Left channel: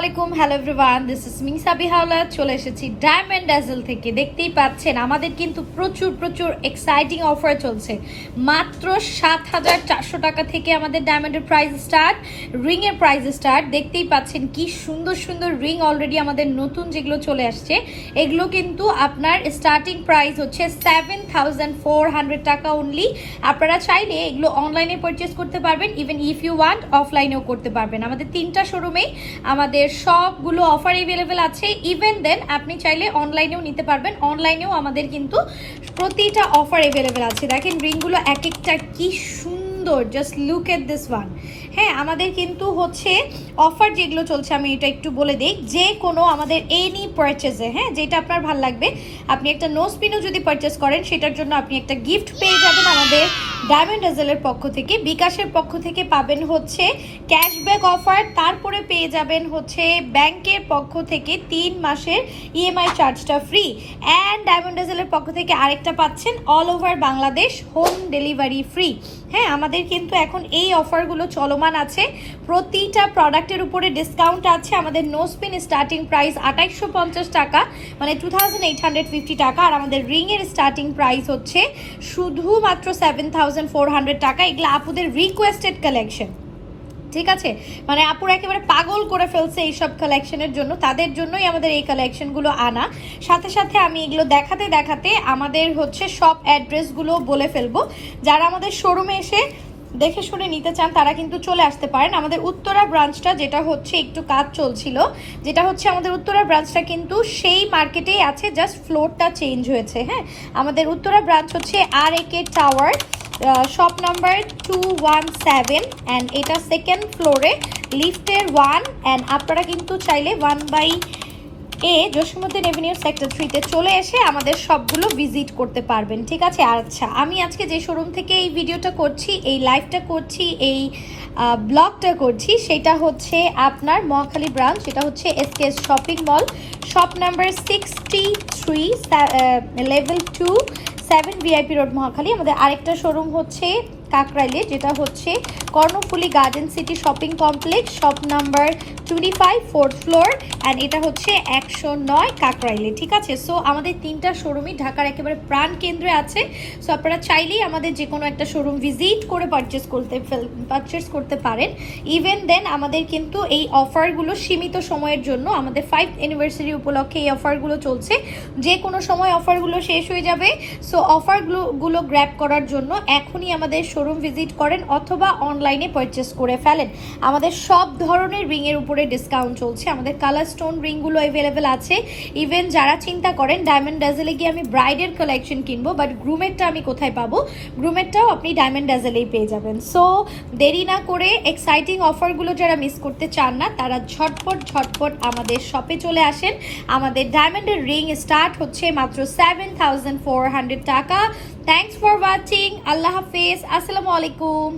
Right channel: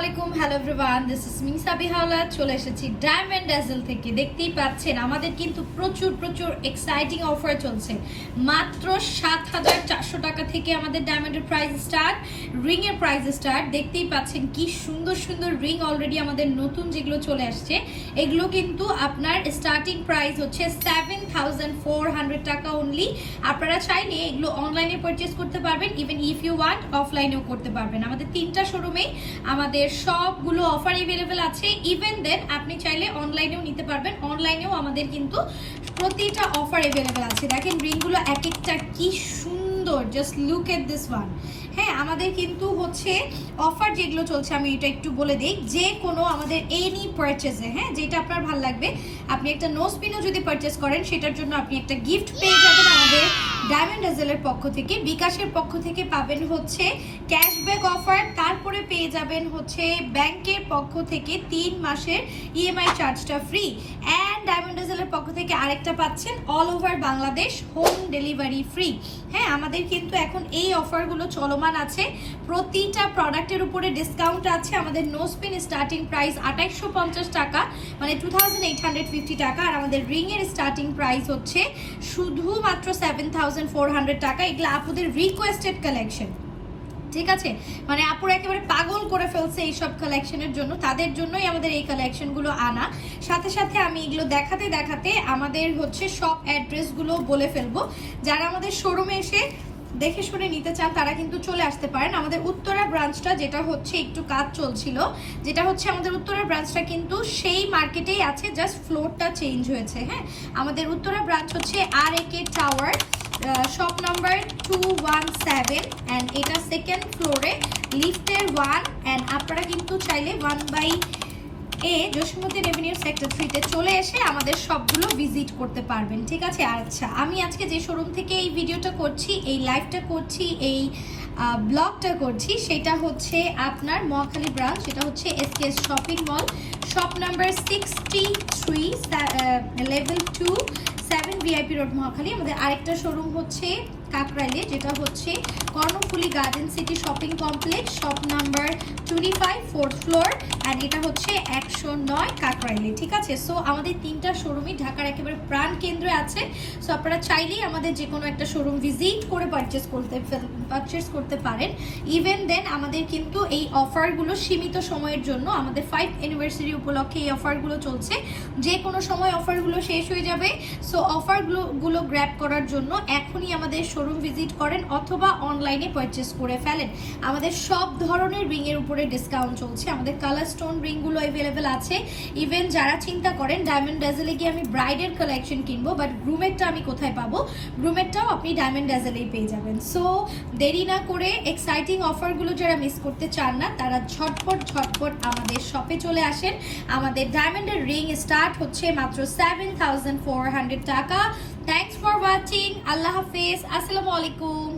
আলাইকুম hello everyone this is মিংসা বিহাওলা চলে এসেছি ডায়মন্ড ড্যাজেল থেকে। দেখতেই পাচ্ছেন, আমাদের কিন্তু প্রচুর প্রচুর এক্সাইটিং অফার চলছে। মাত্র সাত হাজার চারশো টাকা থেকে আমাদের ডায়মন্ডের প্রাইস স্টার্ট রিং এর প্রাইস স্টার্ট দেখতেই পাচ্ছেন কি সুন্দর সুন্দর রিং অলরেডি আমাদের নতুন যেগুলো চলে আসছে, এগুলো কিন্তু আপনার স্টার্টিং প্রাইস হচ্ছে সেভেন থাউজেন্ড ফোর হান্ড্রেড টাকা অনলি আপনারা চাইলে এগুলো অনলাইনে পারচেস করতে পারবেন ইভেন ইফ ইউ ওয়ান্ট অফলাইনেও করতে পারবেন। আমাদের তিনটা শোরুমেই আমাদের সবগুলো অফার এভেলেবেল আছে। ইভেন দেন আপনি চাইলে অনলাইনেও নিতে পারবেন। অনলাইনেও আমাদের কিন্তু প্রতিটা অফার এভেলেবেল আছে। দেখেন রিংগুলো এক একটা কি সুন্দর। Just look at this one হ্যাঁ আমাদের কিন্তু হচ্ছে অফার যেগুলো চলছে, আমি এটা একটু বলে দিই। যে কোনো আমাদের এনি পারচেজে হ্যাঁ যেটা আপনার ভালো লাগবে, আপনি একটা নোস পিনও যদি পারচেস করেন, সেটার জন্য আপনি একটা গিফট পেয়ে যাবেন আমাদের ডায়মন্ড এজেলের পক্ষ থেকে, বিকাশের পক্ষ থেকে পাবেন হচ্ছে ক্যাশব্যাক অফার তারপরে পেয়ে যাবেন হচ্ছে ব্যাংকের পক্ষ থেকে তিন মাসের ইএমআই চার্জটা ফ্রি অ্যান্ড ডায়মন্ড এজেলের পক্ষ থেকে আরেকটা পাচ্ছেন all over Bangladesh home delivery free হ্যাঁ আমাদের কিন্তু এখন এই অফারগুলো চলমান আছে। প্রতিটা প্রোডাক্টের উপরে ডিসকাউন্ট আছে। আমাদের নোসপিন স্টার্টিং প্রাইস আঠাইশশো টাকা মানে টু টাকা। আর আমাদের রিংয়ের স্টার্টিং প্রাইস হচ্ছে শুধুমাত্র সেভেন থাউজেন্ড টাকা, এগুলো আপুদের রিকোয়েস্টেড কালেকশন ঠিক আছে? মানে আপুর একেবারে পাগল করে ফেলছে এইসব কালেকশনের জন্য। তাদের জন্যই আমাদের এই কালেকশনগুলো আনা। সাথে সাথে আমি এগুলো দেখাতে দেখাতে আমাদের হচ্ছে সব অ্যাড্রেসগুলো বলে ফেলব। যারা আমাদের শোরুমে এসে দেখে শুনে নিতে চান, তারা কিন্তু চলে আসতে পারেন। আমাদের উত্তরা ব্রাঞ্চটা যেটা হচ্ছে একটু কাজ চলছিল, যেটা হচ্ছে আমাদের উত্তরা ব্রাঞ্চটা কিন্তু সেই মার্কেটেই আছে জাস্ট ফ্লোরটা চেঞ্জ হয়েছে হ্যাঁ? আমাদের উত্তরা ব্রাঞ্চ হচ্ছে R A K tower shop number two one seven and এটা সেকেন্ড ফ্লোরে লিফটের ওয়ান অ্যান্ড আপনারা কিন্তু চাইলে one by A Jasimuddin revenue sector থ্রিতে চলে এসে আমাদের সবগুলো ভিজিট করতে পারবেন। ঠিক আছে? আচ্ছা আমি আজকে যে শোরুম থেকে এই ভিডিওটা করছি, এই লাইভটা করছি, এই ব্লগটা করছি, সেটা হচ্ছে আপনার মহাখালী ব্রাঞ্চ সেটা হচ্ছে SKS shopping mall shop number sixty three level two seven VIP road Mohakhali আমাদের আরেকটা শোরুম হচ্ছে কাকরাইলে, যেটা হচ্ছে Karnaphuli garden city shopping complex shop number twenty five fourth floor and এটা হচ্ছে একশো নয় কাকরাইলে, ঠিক আছে? সো আমাদের তিনটা শোরুমই ঢাকার একেবারে প্রাণ কেন্দ্রে আছে। সো আপনারা চাইলেই আমাদের যে কোনো একটা শোরুম ভিজিট করে পারচেস করতে পারচেস করতে পারেন। ইভেন দেন আমাদের কিন্তু এই অফারগুলো সীমিত সময়ের জন্য, আমাদের ফাইভ অ্যানিভার্সারি উপলক্ষে এই অফারগুলো চলছে। যে কোনো সময় অফারগুলো শেষ হয়ে যাবে। সো অফারগুলো গুলো গ্র্যাব করার জন্য এখনই আমাদের শোরুম ভিজিট করেন অথবা অনলাইনে পারচেস করে ফেলেন। আমাদের সব ধরনের রিংয়ের উপরে ডিসকাউন্ট চলছে। আমাদের কালার স্টোন রিংগুলো অ্যাভেলেবেল আছে। ইভেন যারা চিন্তা করেন ডায়মন্ড ডাজেলে গিয়ে আমি ব্রাইডের কালেকশন কিনবো বাট গ্রুমেরটা আমি কোথায় পাবো? গ্রুমেরটাও আপনি ডায়মন্ড ডাজেলেই পেয়ে যাবেন। সো দেরি না করে এক্সাইটিং অফারগুলো যারা মিস করতে চান না, তারা ঝটপট ঝটপট আমাদের শপে চলে আসেন। আমাদের ডায়মন্ডের রিং স্টার্ট হচ্ছে মাত্র সেভেন থাউজেন্ড ফোর হান্ড্রেড টাকা। থ্যাংকস ফর ওয়াচিং আল্লাহ হাফিজ আসসালামু আলাইকুম